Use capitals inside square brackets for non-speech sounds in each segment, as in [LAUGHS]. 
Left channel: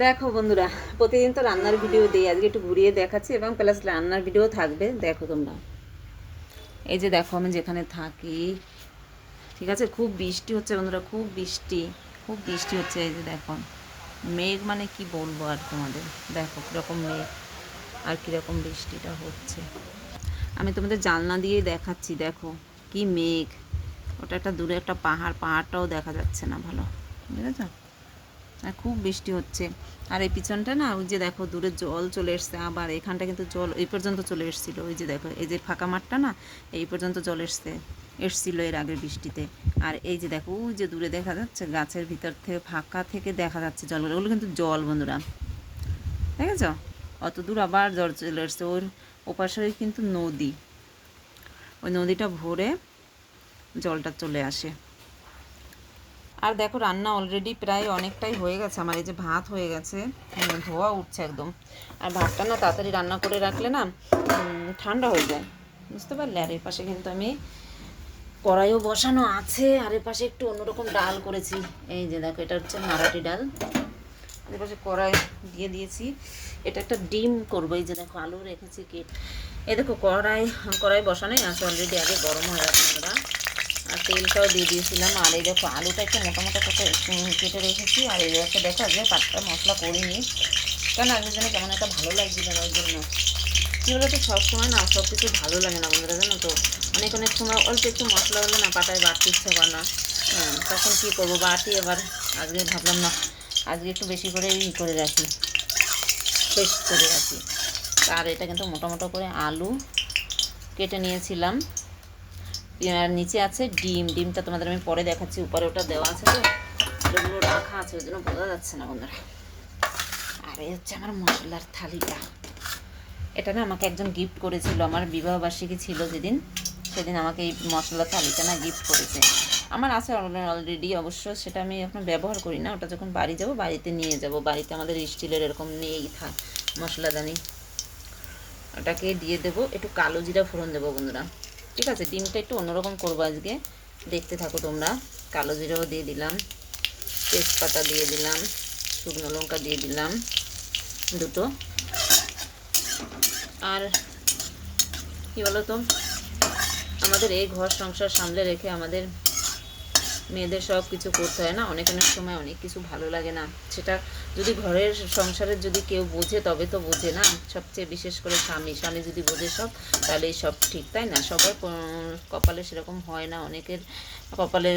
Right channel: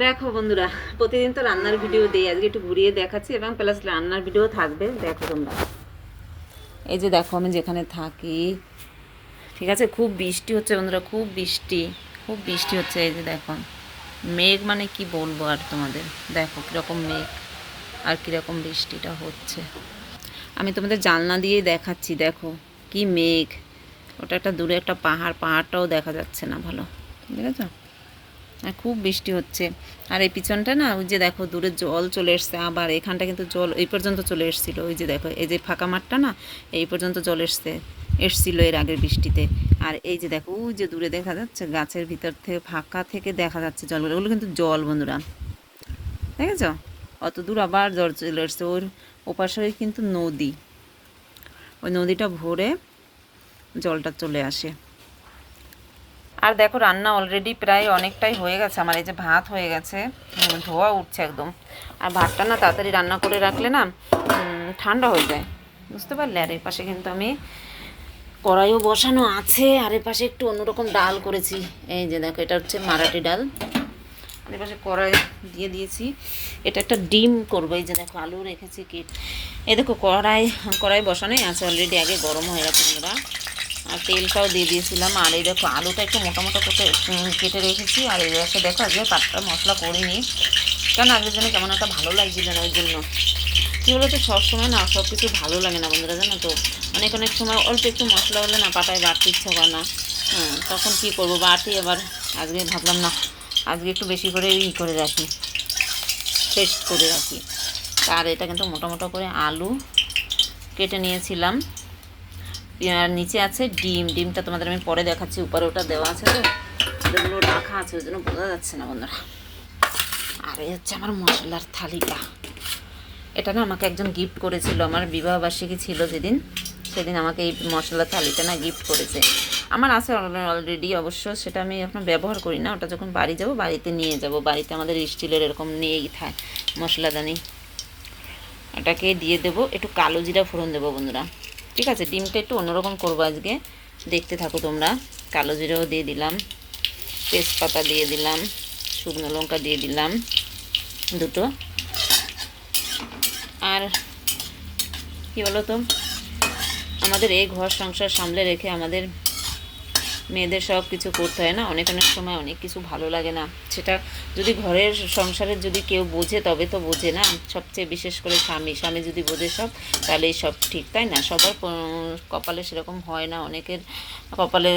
দেখো বন্ধুরা, প্রতিদিন তো রান্নার ভিডিও দিই, আজকে একটু ঘুরিয়ে দেখাচ্ছি এবং প্লাস রান্নার ভিডিও থাকবে, দেখো তোমরা। এই যে দেখো আমি যেখানে থাকি, ঠিক আছে? খুব বৃষ্টি হচ্ছে বন্ধুরা, খুব বৃষ্টি খুব বৃষ্টি হচ্ছে, এই যে দেখো। মেঘ মানে কি বলব আর তোমাদের? দেখো কীরকম মেঘ আর কীরকম বৃষ্টিটা হচ্ছে। আমি তোমাদের জানলা দিয়ে দেখাচ্ছি, দেখো কি মেঘ। ওটা একটা দূরে একটা পাহাড়, পাহাড়টাও দেখা যাচ্ছে না ভালো দেখেছ আর খুব বৃষ্টি হচ্ছে। আর এই পিছনটা না, ওই যে দেখো, দূরে জল চলে এসছে, আবার এখানটা কিন্তু জল, এই পর্যন্ত চলে এসেছিল। ওই যে দেখো, এই যে ফাঁকা মাঠটা না, এই পর্যন্ত জল এসছে, এসছিল এর আগের বৃষ্টিতে। আর এই যে দেখো, ওই যে দূরে দেখা যাচ্ছে, গাছের ভিতর থেকে, ফাঁকা থেকে দেখা যাচ্ছে জলগুলো ওগুলো কিন্তু জল, বন্ধুরা। দেখেছ? অত দূর আবার জল চলে এসছে। ওর ওপাশে কিন্তু নদী। ওই নদীটা ভরে জলটা চলে আসে। আর দেখো, রান্না অলরেডি প্রায় অনেকটাই হয়ে গেছে। আমার এই যে ভাত হয়ে গেছে ধোয়া উঠছে একদম। আর ভাতটা না তাড়াতাড়ি রান্না করে রাখলে না ঠান্ডা হয়ে যায়। বুঝতে পারলে? আর এর পাশে কিন্তু আমি কড়াইও বসানো আছে, আর এর পাশে একটু অন্যরকম ডাল করেছি। এই যে দেখো, এটা হচ্ছে মারাঠি ডাল। আর এর পাশে কড়াই দিয়ে দিয়েছি। এটা একটা ডিম করব। এই যে দেখো, আলু রেখেছি কি? এই দেখো, কড়াই কড়াই বসানোই আছে অলরেডি আগে গরম হয়ে গেছে বন্ধুরা আর তেলটাও দিয়ে দিয়েছিলাম। আর এই দেখো, আলুটা একটু মোটা মোটা করে কেটে রেখেছি। আর এই দেখো দেখো, আজকে পাতটা মশলা করিনি। কেন আজকের জন্য কেমন একটা ভালো লাগছিল না জন্য। কী বলো তো সবসময় না সব কিছু ভালো লাগে না বন্ধুরা, জানো তো? অনেক অনেক সময় অল্প একটু মশলা হলে না পাটায় বাড়তে ইচ্ছা করে না। হ্যাঁ তখন কী করব বাটি এবার আজকে ভাবলাম না, আজকে একটু বেশি করে ই করে রাখি পেস্ট করে রাখি। আর এটা কিন্তু মোটা মোটা করে আলু কেটে নিয়েছিলাম। আর নিচে আছে ডিম। ডিমটা তোমাদের আমি পরে দেখাচ্ছি, উপরে ওটা দেওয়া আছে তো। ওগুলো রাখা আছে, ওই জন্য বোঝা যাচ্ছে না বন্ধুরা। আর এই হচ্ছে আমার মশলার থালিটা। এটা না আমাকে একজন গিফট করেছিল, আমার বিবাহবার্ষিকী ছিল যেদিন, সেদিন আমাকে এই মশলার থালিটা না গিফট করেছে। আমার আছে অলরেডি অবশ্য, সেটা আমি এখন ব্যবহার করি না, ওটা যখন বাড়ি যাব, বাড়িতে নিয়ে যাব। বাড়িতে আমাদের স্টিলের এরকম নিয়েই থাকে মশলাদানি। ওটাকে দিয়ে দেবো, একটু কালো জিরা ফোড়ন দেবো বন্ধুরা। ঠিক আছে, ডিমটা একটু অন্যরকম করব আজকে। দেখতে থাকো তোমরা। কালো জিরাও দিয়ে দিলাম। তেজপাতা দিয়ে দিলাম। শুকনো লঙ্কা দিয়ে দিলাম। দুটো। আর কী বলো তো আমাদের এই ঘর সংসার সামলে রেখে আমাদের মেয়েদের সব কিছু করতে হয় না? অনেক অনেক সময় অনেক কিছু ভালো লাগে না। সেটা যদি ঘরের সংসারের যদি কেউ বোঝে, তবে তো বোঝে না। সবচেয়ে বিশেষ করে স্বামী। স্বামী যদি বোঝে সব, তাহলে সব ঠিক, তাই না? সবার কপালে সেরকম হয় না। অনেকের কপালে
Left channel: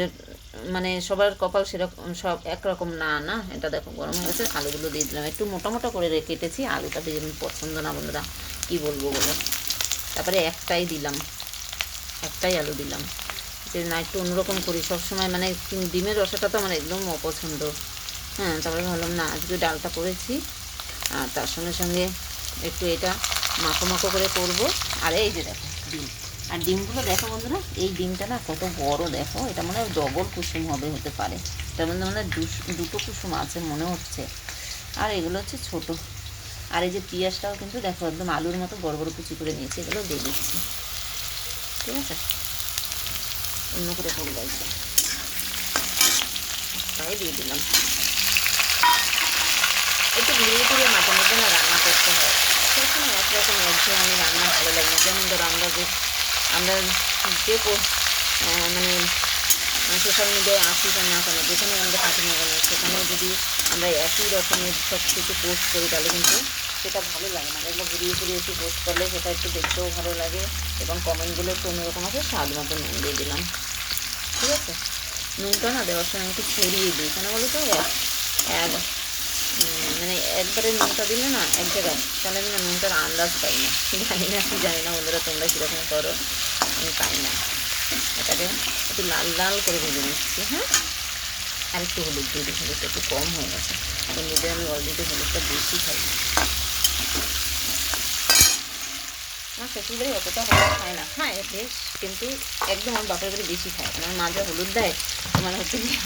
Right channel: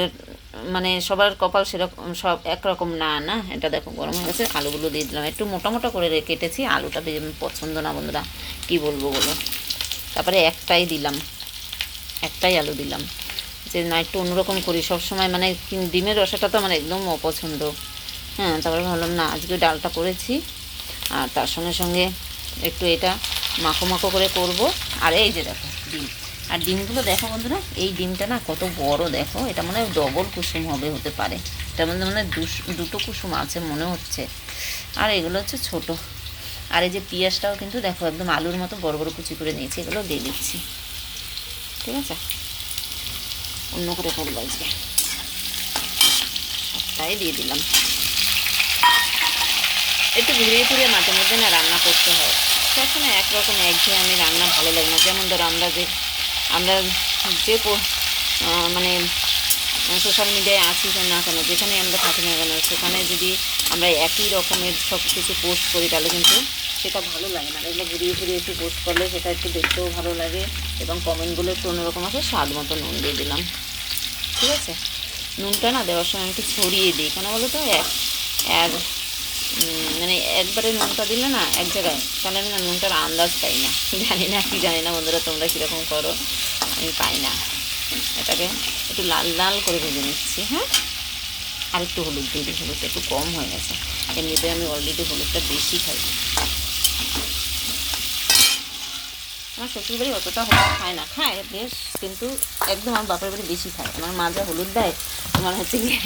মানে সবার কপাল সেরকম, সব একরকম না না? এটা দেখো, গরম হয়ে গেছে, আলুগুলো দিয়ে দিলাম। একটু মোটা মোটা করে কেটেছি। আলুটা পছন্দ না, বন্ধুরা। কী বলব বলো? তারপরে একটাই দিলাম। একটাই আলু দিলাম। যে না, একটু অন্যরকম করি। সবসময় মানে ডিমের রসাটা তো আমার একদম অপছন্দ। হ্যাঁ তারপরে ভাবলাম, না, আজকে ডালটা করেছি। আর তার সঙ্গে সঙ্গে একটু এটা মাখো মাখো করে করব। আর এই যে দেখো, ডিম। আর ডিমগুলো দেখো বন্ধুরা, এই ডিমটা না কত বড় দেখো, এটা মানে ডবল কুসুম হবে, হতে পারে। এটার মধ্যে মানে দুটো কুসুম আছে মনে হচ্ছে। আর এগুলো হচ্ছে ছোট। আর এই যে পিঁয়াজটাও কিন্তু দেখো, একদম আলুর মতো বড় বড় কুচি করে নিয়েছি, এগুলো দিয়ে দিচ্ছি। ঠিক আছে? অন্য করে করব আজকে সবটাই দিয়ে দিলাম। একটু ঘুরিয়ে ঘুরিয়ে মাঝে মধ্যে না রান্না করতে হয়। সবসময় একরকম একঘেয়ে আমি রান্না ভালো লাগে না। যেমন ধরো আমরা যে আমরা যে মানে সোশ্যাল মিডিয়ায় আসি না কেন, যেখানে আমরা থাকি না কেন, সেখানে যদি আমরা একই রকমের সব কিছু পোস্ট করি, তাহলে কিন্তু সেটা ভালো লাগে না। এগুলো ঘুরিয়ে ঘুরিয়ে একটু পোস্ট করলে সেটা একটু দেখতেও ভালো লাগে এবং কমেন্টগুলো একটু অন্যরকম আছে, স্বাদ মতো নুন দিয়ে দিলাম। ঠিক আছে? নুনটা না দেওয়ার সময় একটু ছড়িয়ে দিই। কেন বলো তো? এক এক মানে একবারে নুনটা দিলে না এক জায়গায়, তাহলে আমি না নুনটার আন্দাজ পাই না। জানি না কি জানি না বন্ধুরা তোমরা কীরকম করো, আমি পাই না। এটাকে একটু লাল লাল করে ভেজে নিচ্ছি হ্যাঁ? আর একটু হলুদ দিই, হলুদটা একটু কম হয়ে গেছে। এমনিতে আমি অলরেডি হলুদটা বেশি খাই। আমার শ্বশুরবাড়ি অতটা হলুদ খায় না। খায় বেশ, কিন্তু একদম আমার বাপের বাড়ি বেশি খায়। আমার মা যা হলুদ দেয় তোমার হচ্ছে গিয়ে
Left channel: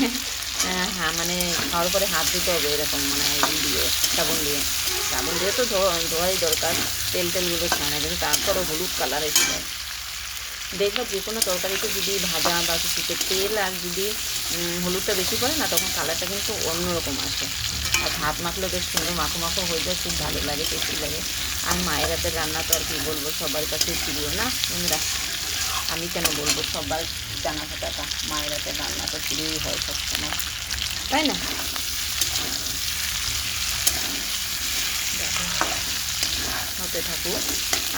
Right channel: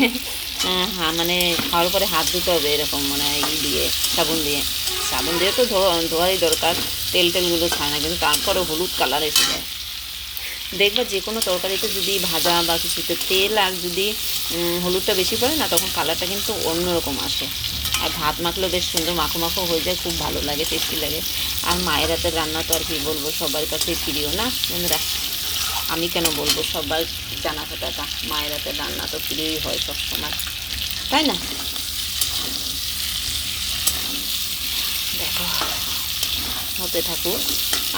হ্যাঁ মানে খাওয়ার পরে হাত ধুতে হবে এরকম মানে দিয়ে, সাবুন দিয়ে। সাবুন দিয়ে তো ধোয়া, ধোয়াই দরকার, তেল টেলগুলো না, কিন্তু তারপরে হলুদ কালার এসে যায়। দেখবা যে কোনো তরকারিতে যদি ভাজা বা কিছুতে তেল আর যদি হলুদটা বেশি পড়ে না, তখন কালারটা কিন্তু অন্যরকম আসে। আর ভাত মাখলেও বেশ সুন্দর মাখো মাখো হয়ে যায়, খুব ভালো লাগে টেস্টি লাগে। আর মায়ের হাতের রান্না তো আর কি বলব, সবার কাছে প্রিয় না? বন্ধুরা, আমি কেন বলব, সবার জানা কথা মায়ের হাতের রান্না তো প্রিয়ই হয় সবসময়, তাই না? দেখো। হতে থাকুক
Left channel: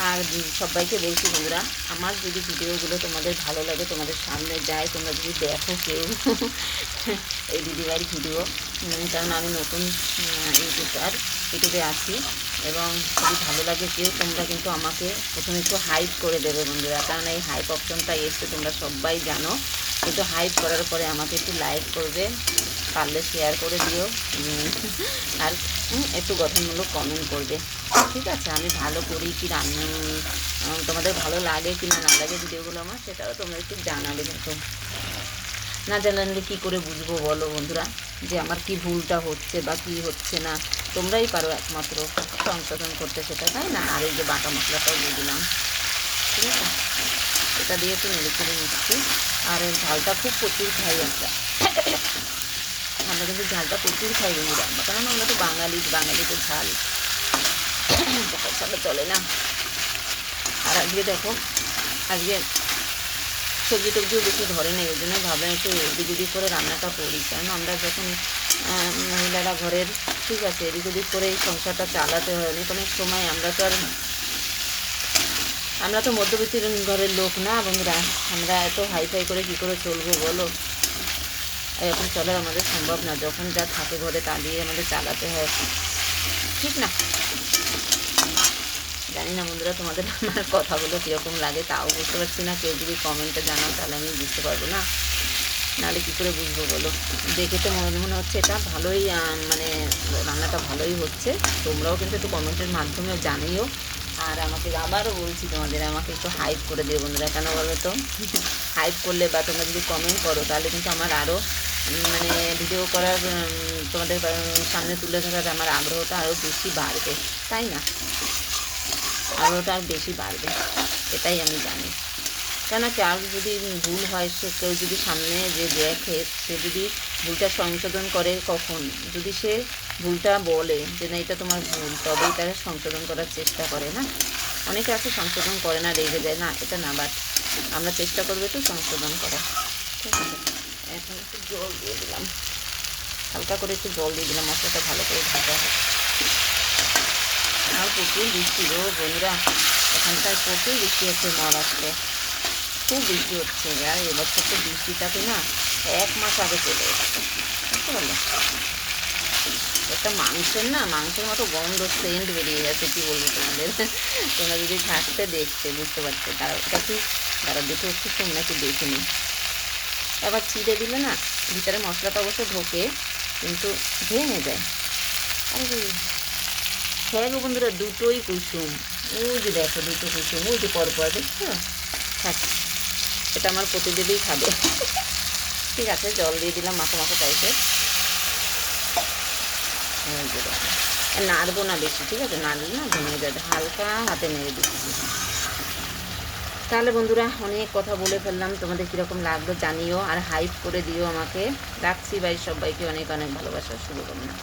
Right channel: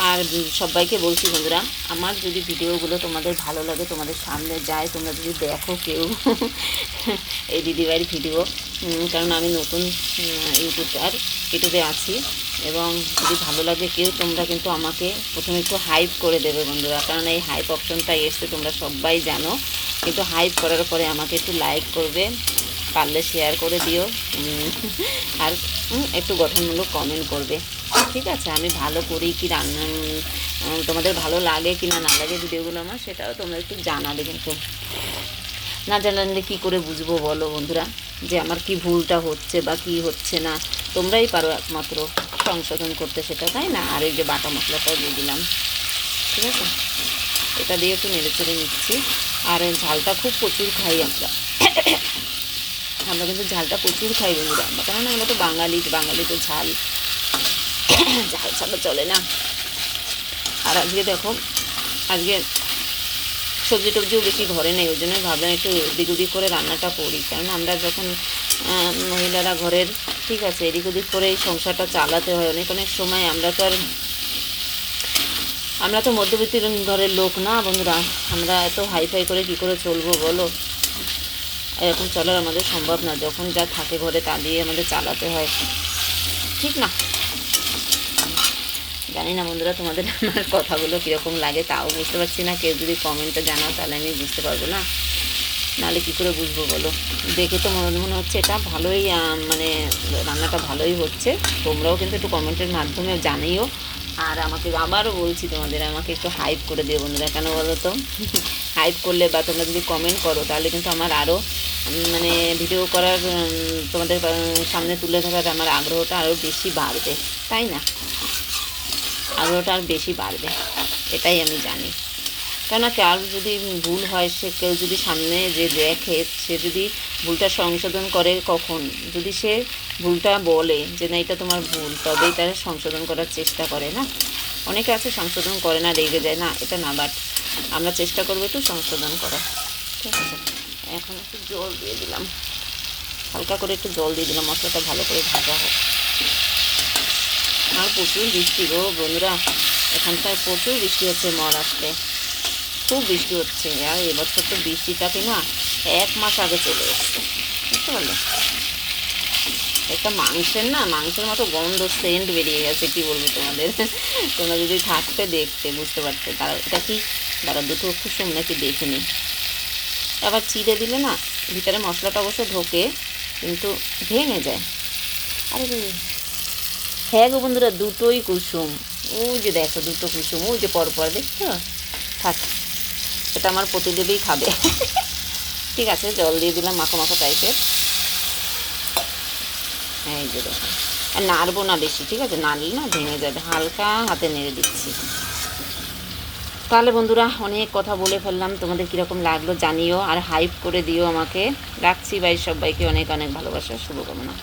আর সবাইকে বলছি বন্ধুরা, আমার যদি ভিডিওগুলো তোমাদের ভালো লাগে, তোমাদের সামনে যায়, তোমরা যদি দেখো কেউ [LAUGHS] এই দিদিবাড়ির ভিডিও কারণ আমি নতুন ইউটিউবার, ইউটিউবে আছি। এবং যদি ভালো লাগে কেউ, তোমরা কিন্তু আমাকে প্রথমে একটু হাইপ করে দেবে বন্ধুরা। কারণ এই হাইপ অপশনটা এসছে, তোমরা সবাই জানো। কিন্তু হাইপ করার পরে আমাকে একটু লাইক করবে। পারলে শেয়ার করে দিও। আর একটু গঠনমূলক কমেন্ট করবে। ঠিক আছে? আমি ভালো করি কি রান্না তোমাদের ভালো লাগে কি না না লাগে ভিডিওগুলো আমার, সেটাও তোমরা একটু জানাবে কিন্তু। না জানালে কী করে বুঝব বলো বন্ধুরা? যে আমার কি ভুলটা হচ্ছে বা কি হচ্ছে না? তোমরাই পারো একমাত্র সংশোধন করতে সেটা, তাই না? আর এই যে বাটা মশলাটাও দিয়ে দিলাম। ঠিক আছে? এটা দিয়ে একটু নেড়ে চেড়ে নিচ্ছি। আর ঝালটা খুব প্রচুর খাই আমরা। আমরা কিন্তু ঝালটা প্রচুর খাই বন্ধুরা। কারণ আমরা তো বাঙালি বাঙালি তো ঝাল। ঝাল ছাড়া চলে না। আর আজকে দেখো, আজকে সবজি টবজিও বেশি ধরে নেই, ওই জন্য ভাবলাম একটু এদিক ওদিক করে রান্নাটা করি। কারণ আমরা যখন মহিলারা ঘরের, ঠিক আছে, এদিক ওদিক করে এই সংসারটা চালাতে হয়, অনেক অনেক সময় আমরা তো আর, আমরা তো মধ্যবিত্ত ঘরের লোক না বন্ধুরা। আমরা এত হাইফাই করে কী করে চলবো বলো? এরকম চলার আমাদের সম্ভব না। যখন যা থাকে ঘরে তা দিয়ে আমাদের চালাতে হয়। ঠিক না? জানি না বন্ধুরা তোমাদের [LAUGHS] আমার কথাগুলো কীরকম লাগে, তাও বুঝতে পারছি না। কেউ যদি কমেন্টে জানাও তাহলে আমি বুঝতে পারব না। নাহলে কী করে বুঝব বলো? দেখে তো মনে মনে হচ্ছে এটা ভালোই মানে রান্নাটা ভালোই হচ্ছে। তোমরাও কিন্তু একটু কমেন্টের মাধ্যমে জানিও। আর আমাকে আবারও বলছি তোমাদের, আমাকে একটু হাইপ করে দিও বন্ধুরা। কেন বলো তো? [LAUGHS] হাইপ করলে বা তোমরা যদি কমেন্ট করো তাহলে কিন্তু আমার আরও মানে ভিডিও করার তোমাদের সামনে তুলে ধরার আমার আগ্রহটা আরও বেশি বাড়বে, তাই না? আগ্রহটা আর বেশি বাড়বে, এটাই আমি জানি। কেন কার যদি ভুল হয়, সে কেউ যদি সামনে যে দেখে, সে যদি ভুলটা সংশোধন করে কখন? যদি সে ভুলটা বলে যে না, এটা তোমার ভুল, তবেই তারা সংশোধন করার চেষ্টা করে, না? অনেকে আছে সংশোধন করে না, রেগে যায়, না, এটা না বাট আমরা চেষ্টা করব একটু সংশোধন করার। ঠিক আছে? এখন একটু জল দিয়ে দিলাম। হালকা করে একটু জল দিয়ে দিলাম, মশলাটা ভালো করে ভাজা হয় আর প্রচুর বৃষ্টি গো বন্ধুরা। এখানকার প্রচুর বৃষ্টি হচ্ছে মহারাষ্ট্রে। খুব বৃষ্টি হচ্ছে। আর এবছর তো বৃষ্টিটাকে না এক মাস আগে চলে এসছে। বুঝতে পারলে? একটা মাংসের না, মাংসের মতো গন্ধ সেন্ট বেরিয়ে গেছে, কি বলব তোমাদের? তোমরা যদি থাকতে দেখতে, বুঝতে পারতে তারা এটা কি? তারা দুটো কুসুম নাকি দেখে নিই আবার চিড়ে দিলে না ভিতরে মশলাটা অবশ্য ঢোকে, কিন্তু ভেঙে যায়। আরে হ্যাঁ গো বন্ধুরা, দুটোই কুসুম। ওই যে দেখো দুটো কুসুম, ওই যে পরপর, দেখছ? থাক, এটা আমার প্রতিদেবই খাবে। ঠিক আছে, জল দিয়ে দিলাম মাখো মাখো টাইপের এই যে দেখো। আর নাড়বো না বেশি, ঠিক আছে? নাড়লে না ভেঙে যাবে। হালকা হাতে নেড়ে দিচ্ছি। তাহলে বন্ধুরা, অনেক কথা বলে ফেললাম। তোমাদের কীরকম লাগল জানিও আর হাইপ করে দিও আমাকে। রাখছি ভাই সবাইকে অনেক অনেক ভালোবাসা, শুভকামনা।